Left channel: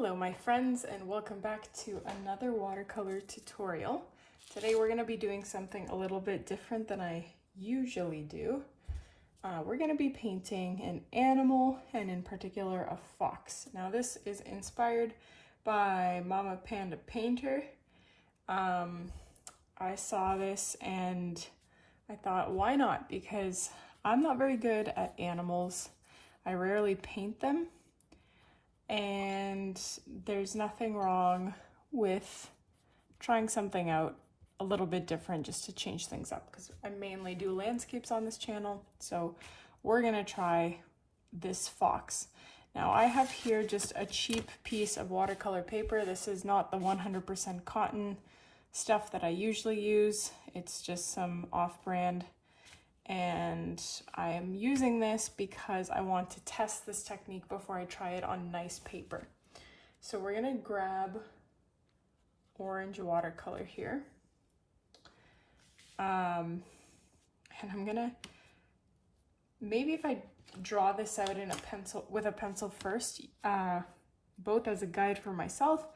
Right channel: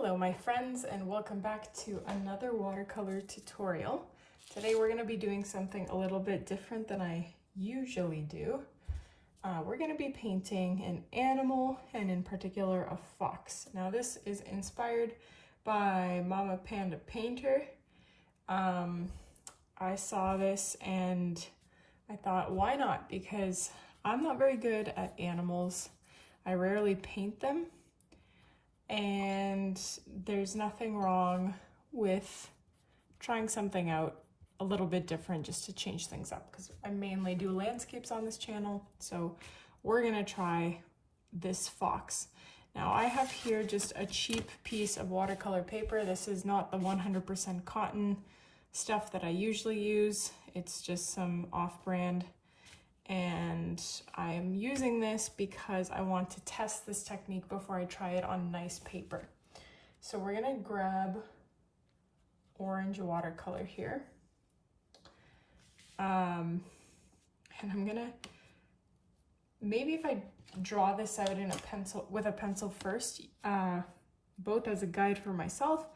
Hello my friends, and welcome back to another watercolor tutorial. Today we're going to be doing something a little bit different than I usually do. We're going to be painting an animal, and in particular a fox. Now this is inspired by mamapandapainter. I saw this and I thought, why not? Because I'm not very good at animals. I rarely paint them. And there's nothing wrong with trying something out a little bit different just to change things up, because I mainly do landscapes on this channel. So we're gonna try this fox. Now I have here just a cheap piece of watercolor paper. This is not the 100% cotton stuff that I usually use. It's just some off-brand. And I am using this because I want to test this technique before I try it on nice paper. So we're gonna grab orange watercolor here. And I'm gonna, maybe if I draw this out in a pencil, with a pencil first, both as a guide for myself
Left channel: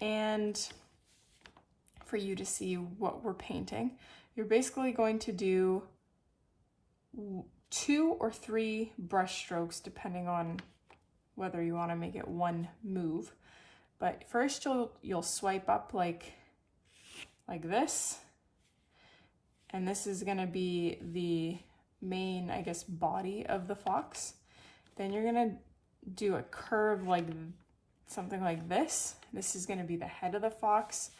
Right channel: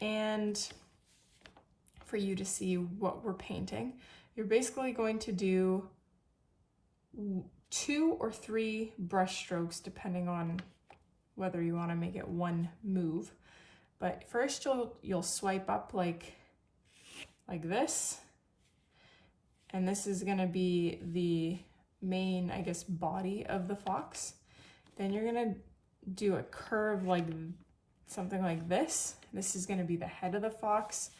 and for you to see what we're painting. You're basically going to do 2 or 3 brush strokes depending on whether you want to make it one move. But first you'll swipe up like this, and this is going to be the main, I guess, body of the fox. Then you're going to do a curve like something like this. This is going to be the head of the fox.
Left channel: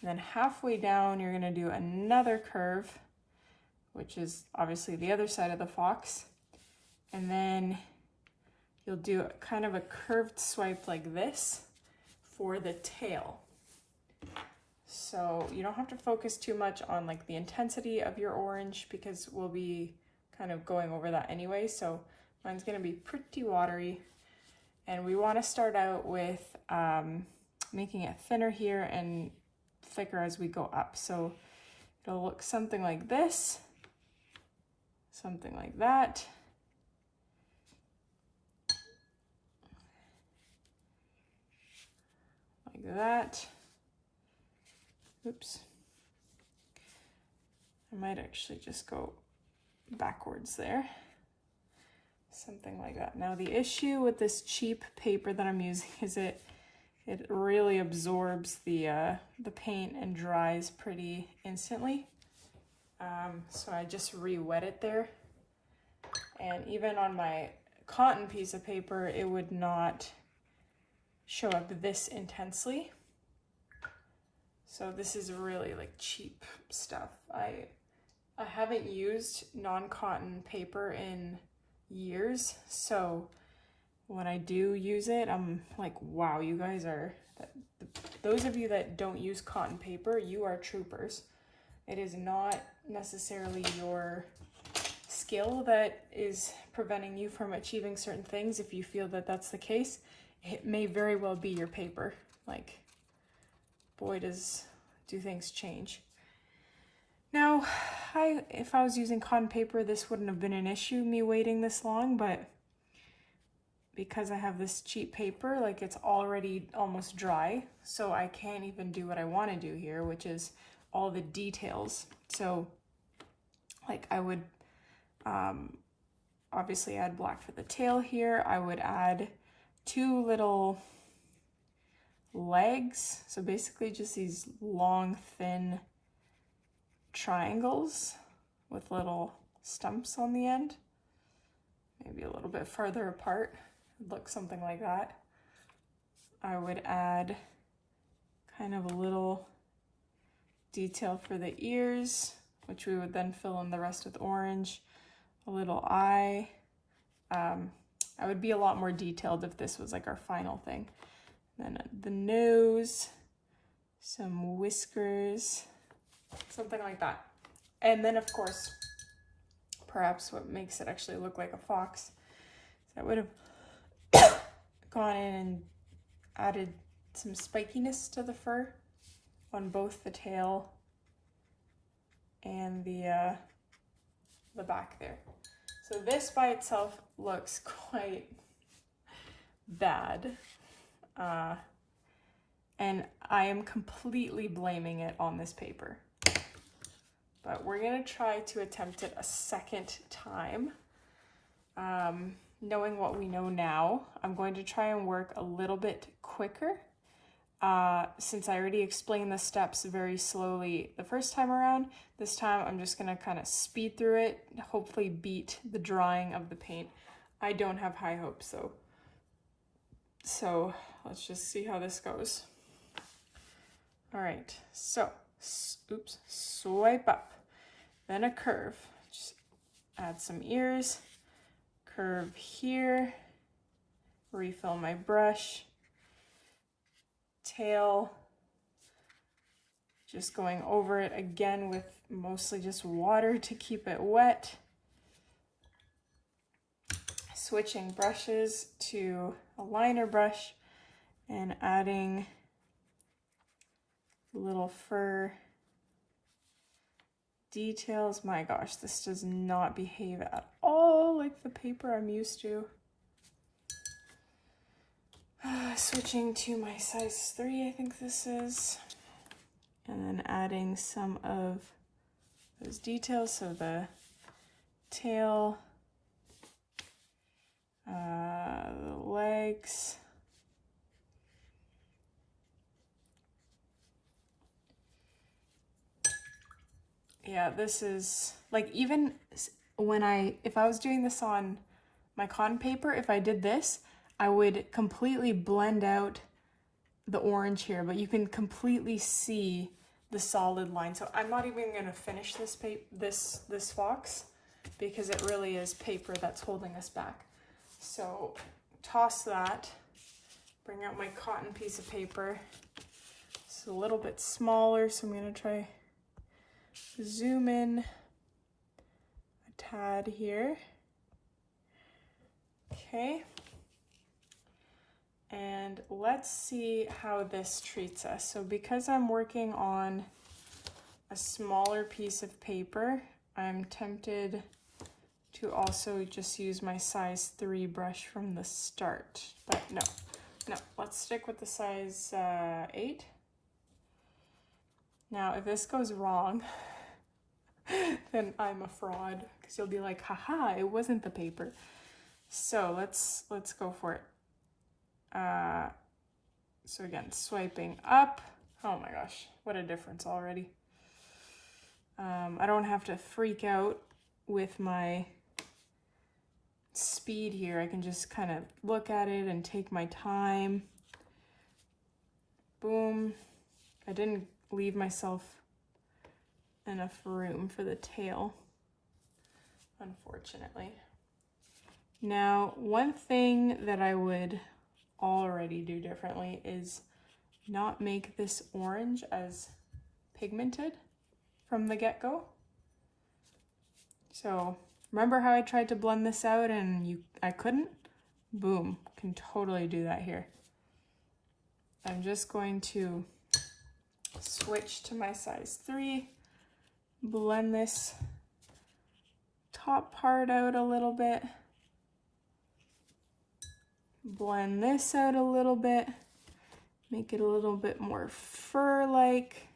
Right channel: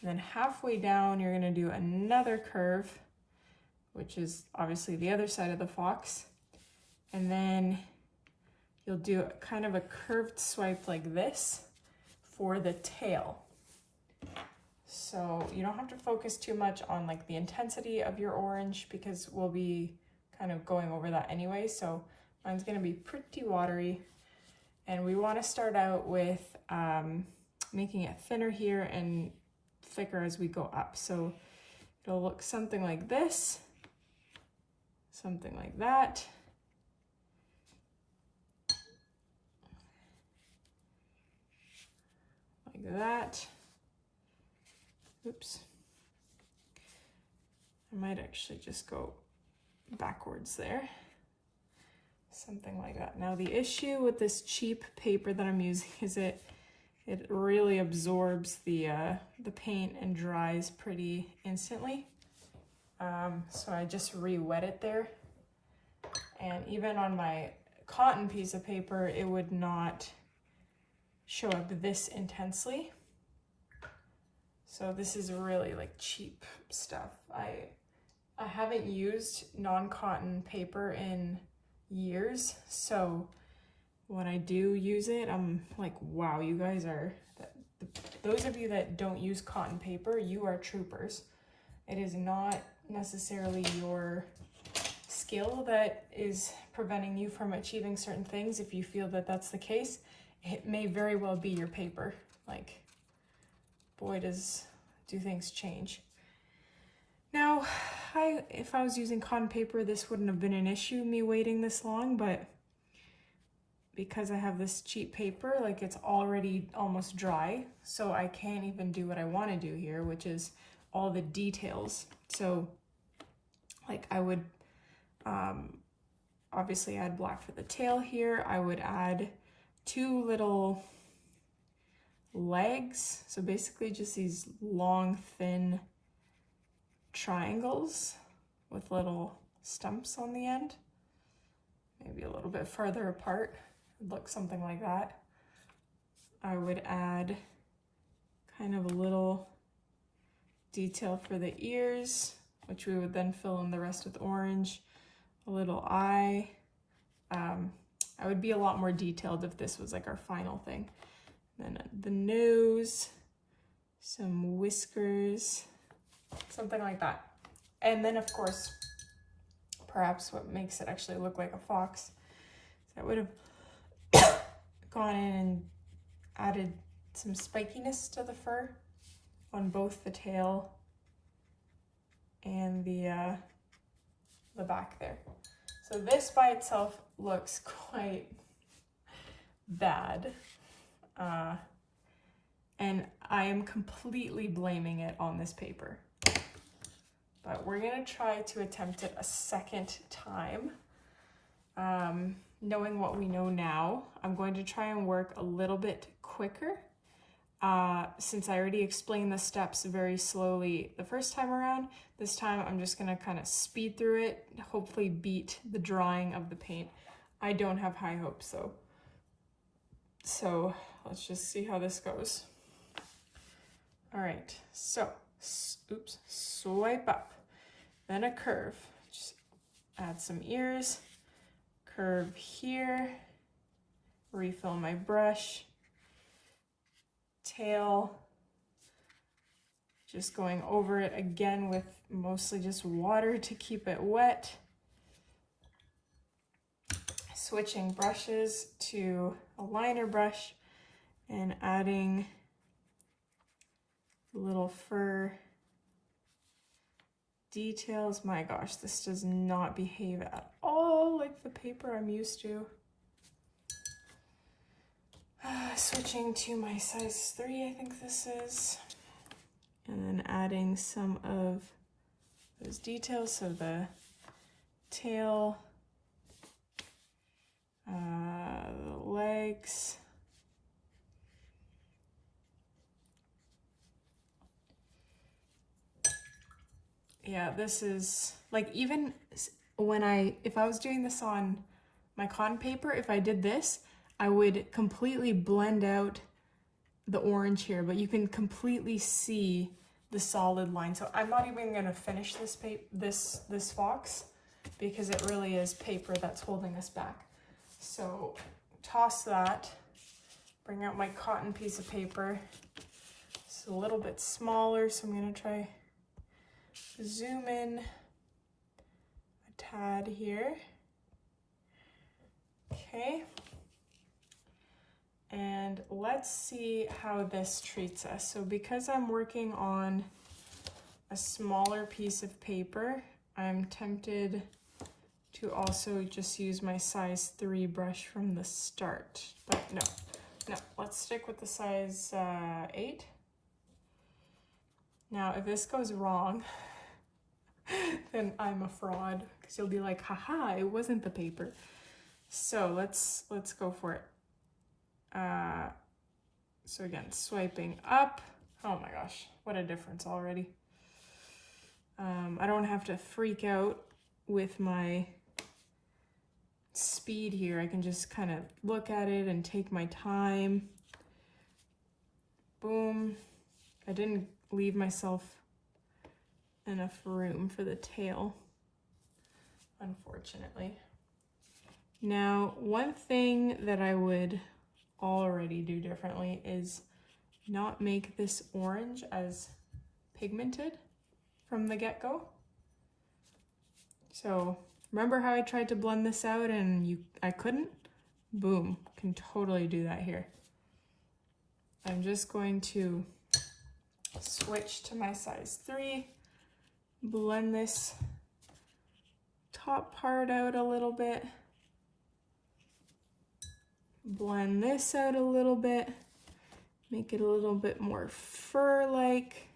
And then halfway down you're going to do another curve, which is obviously the other side of the fox. And then you'll do kind of a curved swipe like this for the tail. So you don't have to focus too much on like the intensity of your orange, because we'll be kind of going over that anyway. So mine's gonna be pretty watery. And we wanna start out with making it thinner here and thicker as we go up. So it'll look something like this. Something like that. Like that. Oops. I might actually just go backwards there. Something like that. Now the issue with this cheap paper that I'm using is it really absorbs the paint and dries pretty instantly. So I just re-wet it there, and even on my cotton piece of paper it would not show up this intensely. So this is really like cheap stuff. I haven't used non-cotton paper in years, so when I do use it I'm like, wow, you guys are, those of you that don't use cotton paper, you are troopers. It is not necessarily your skill that is preventing you from achieving certain things. If you feel that that's the case, it may very well be your paper. Like, boy, do things change. Now, if I was using cotton paper, this wouldn't have been an issue, me waiting this long, but because I have this cheap paper, like, it's already almost dry, so I can't even do what I want to do here, which is all the details. So like I would obviously add black for the tail here. I would add 2 little legs, so basically just these long thin triangles with little stumps on the end, maybe a little bit farther apart. It would look something like that. I would add kind of a little detail for the ears, which we would then fill in the rest with orange. A little eye. I would be a lot more detailed if this was like our final thing. Then the nose, some whiskers, something like that. And then of course, perhaps what makes it actually look like a fox is I would have gone in and added some spikiness to the fur on both the tail and the back there. So this by itself looks quite bad. and I am completely blaming it on this paper. But we're gonna try to attempt it a second time. Knowing what we know now, I'm going to try and work a little bit quicker. Since I already explained the steps very slowly the first time around, this time I'm just gonna kind of speed through it, hopefully beat the drying of the paint. I don't have high hopes though. So let's just see how this goes. All right, so, oops, swipe up, then a curve. Just add some ears, curve here, refill my brush, tail, just going over it again with mostly just water to keep it wet. Switching brushes to a liner brush and adding little fur details. My gosh, this does not behave at all like the paper I'm used to. Switching to my size 3, I think this is, and then adding some of those details, so the tail, the legs, yeah, this is like, even when if I was doing this on my cotton paper, if I did this, I would completely blend out the orange here, but you can completely see the solid line. So I'm not even going to finish this fox because it really is paper that's holding us back. So toss that, bring out my cotton piece of paper. It's a little bit smaller, so I'm going to try zoom in a tad here. Okay. And let's see how this treats us. So because I'm working on a smaller piece of paper, I'm tempted to also just use my size 3 brush from the start. But no, let's stick with the size 8. Now, if this goes wrong, then I'm a fraud, because you'll be like, haha, it wasn't the paper. So let's go for it. So again, swiping up. Oh my gosh, what a difference already. I don't have to freak out with my speed here. I can just kind of look at it and take my time. Boom. I didn't leave myself enough room for the tail, unfortunately. Now, one thing that I would already do differently is not make this orange as pigmented from the get-go. So remember how I tried to blend this out and I couldn't? Boom, can totally do that here. I'm just going to switch to my size 3, blend this top part out a little bit, blend this out a little bit, make it a little bit more fur-like.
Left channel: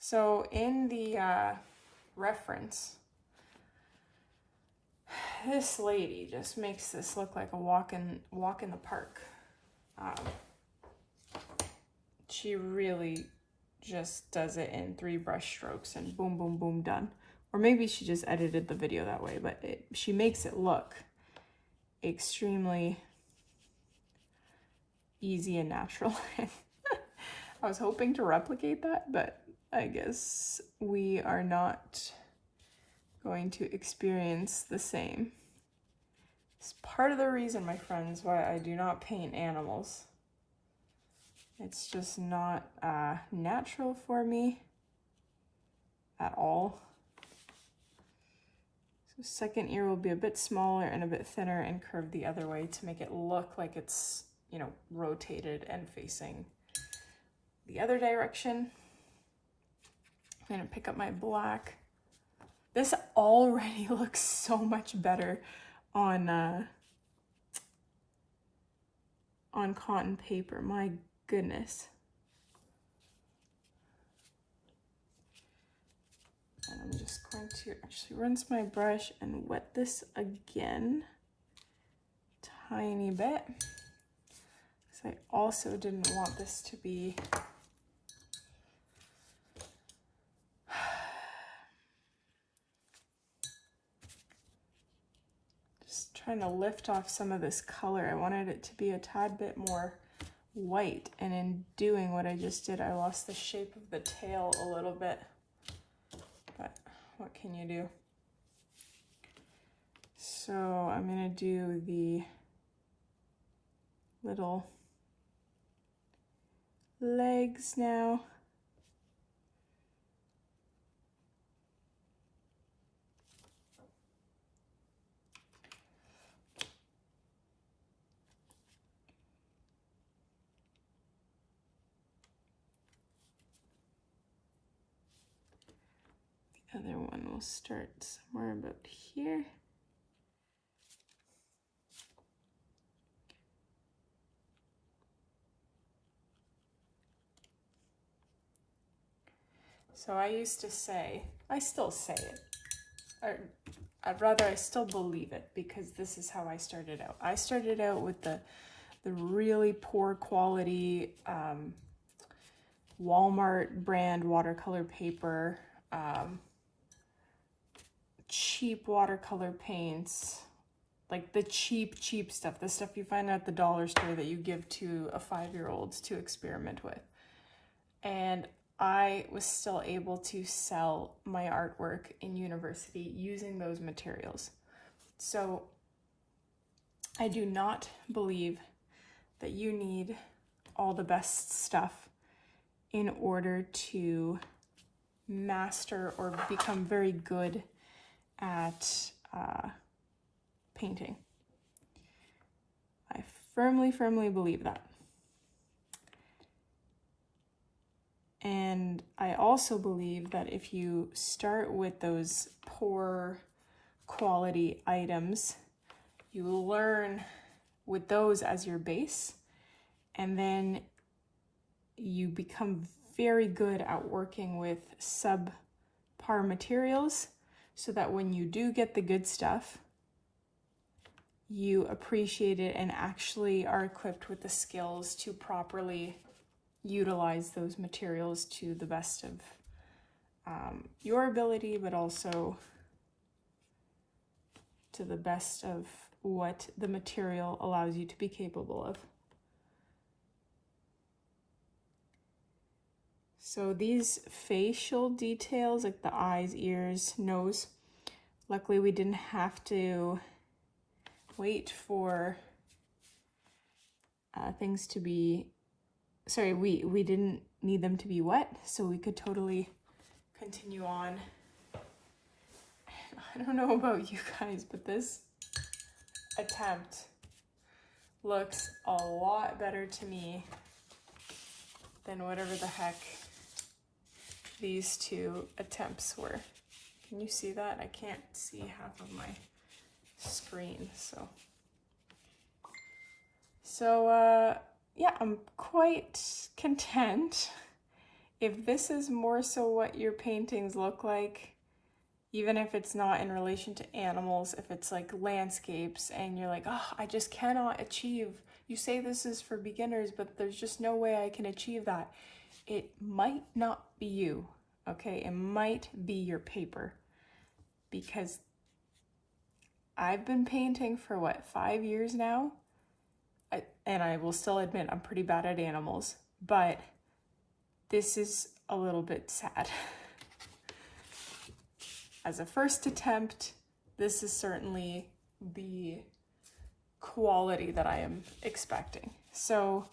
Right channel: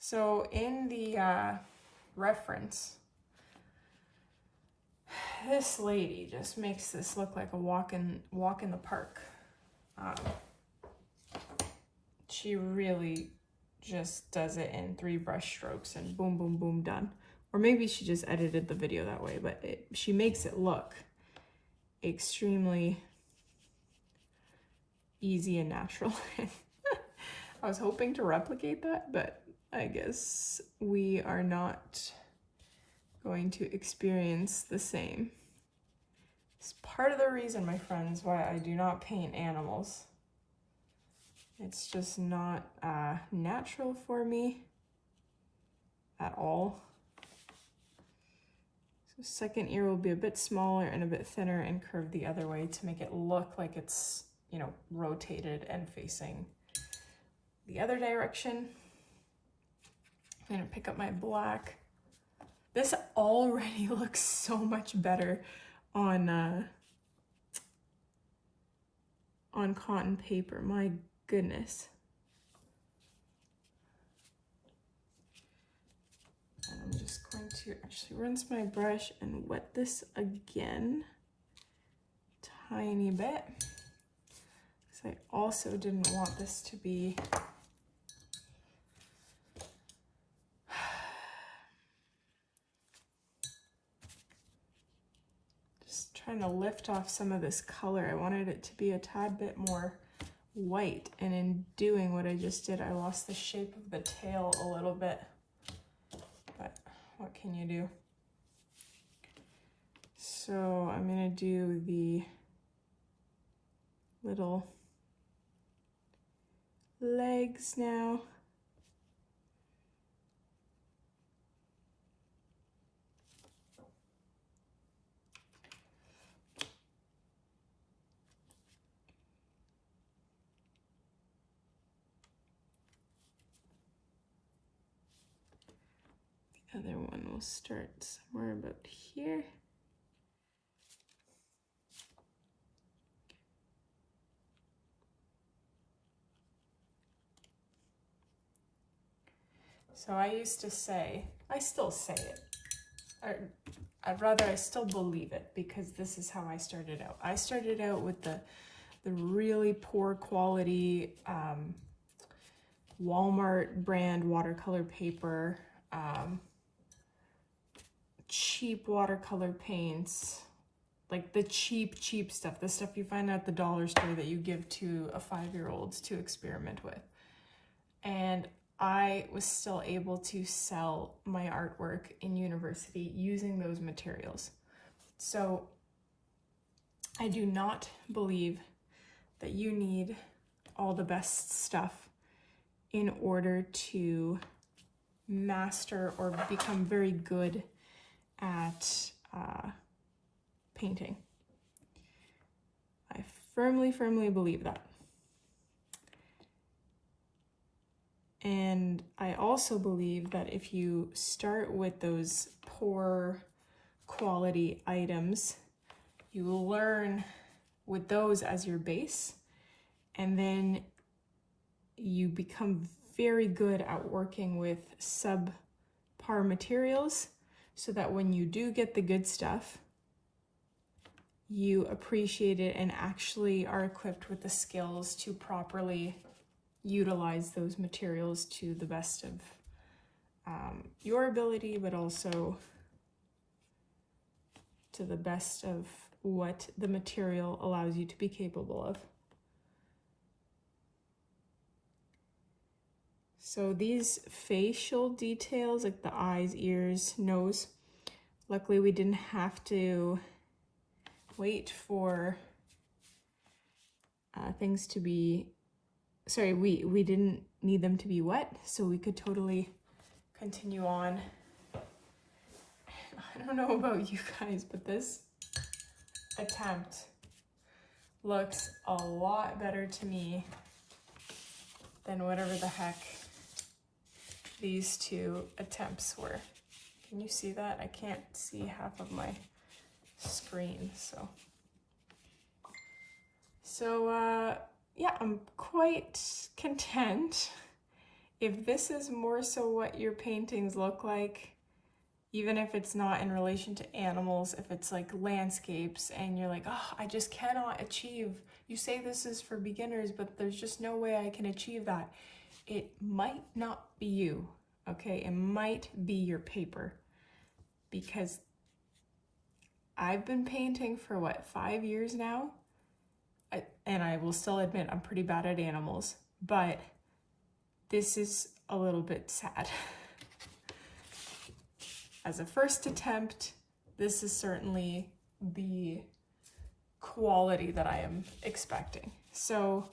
So in the reference, this lady just makes this look like a walk in the park. She really just does it in 3 brush strokes and boom, boom, boom, done. Or maybe she just edited the video that way, but she makes it look extremely easy and natural. I was hoping to replicate that, but I guess we are not going to experience the same. It's part of the reason, my friends, why I do not paint animals. It's just not natural for me at all. So second ear will be a bit smaller and a bit thinner and curved the other way to make it look like it's, you know, rotated and facing the other direction. I'm gonna pick up my black. This already looks so much better on cotton paper. My goodness. And I'm just going to actually rinse my brush and wet this again, tiny bit, because I also didn't want this to be just trying to lift off some of this color. I wanted it to be a tad bit more white, and in doing what I just did, I lost the shape of the tail a little bit, but what can you do? So I'm gonna do the little legs now. The other one will start somewhere about here. So I used to say, I still say it, or I still believe it, because this is how I started out. I started out with the really poor quality Walmart brand watercolor paper, cheap watercolor paints, like the cheap stuff, the stuff you find at the dollar store that you give to a 5-year-old to experiment with. And I was still able to sell my artwork in university using those materials. So I do not believe that you need all the best stuff in order to master or become very good at painting. I firmly believe that. And I also believe that if you start with those poor quality items, you learn with those as your base, and then you become very good at working with subpar materials, so that when you do get the good stuff, you appreciate it and actually are equipped with the skills to properly utilize those materials to the best of your ability, but also to the best of what the material allows you to be capable of. So these facial details, like the eyes, ears, nose, luckily we didn't have to wait for things to be, sorry, we didn't need them to be wet, so we could totally continue on. I don't know about you guys, but this attempt looks a lot better to me than whatever the heck these two attempts were. Can you see that? I can't see half of my screen, so yeah, I'm quite content. If this is more so what your paintings look like, even if it's not in relation to animals, if it's like landscapes and you're like, oh, I just cannot achieve, you say this is for beginners, but there's just no way I can achieve that. It might not be you, okay? It might be your paper, because I've been painting for what, 5 years now? And I will still admit I'm pretty bad at animals, but this is a little bit sad. As a first attempt, this is certainly the quality that I am expecting. So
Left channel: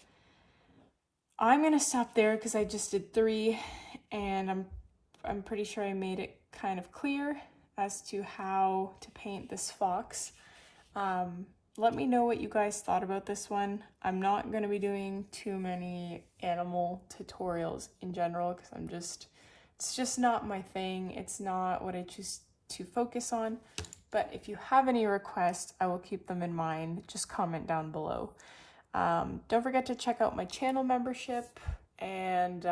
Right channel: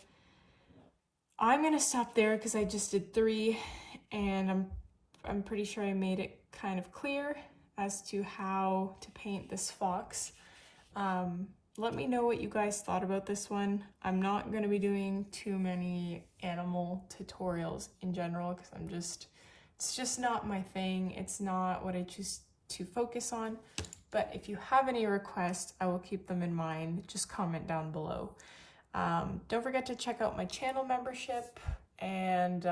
I'm gonna stop there because I just did 3, and I'm pretty sure I made it kind of clear as to how to paint this fox. Let me know what you guys thought about this one. I'm not going to be doing too many animal tutorials in general, because it's just not my thing. It's not what I choose to focus on. But if you have any requests, I will keep them in mind. Just comment down below. Don't forget to check out my channel membership and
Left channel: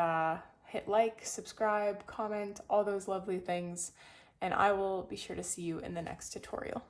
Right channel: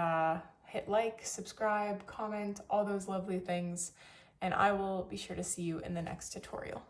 hit like, subscribe, comment, all those lovely things. And I will be sure to see you in the next tutorial.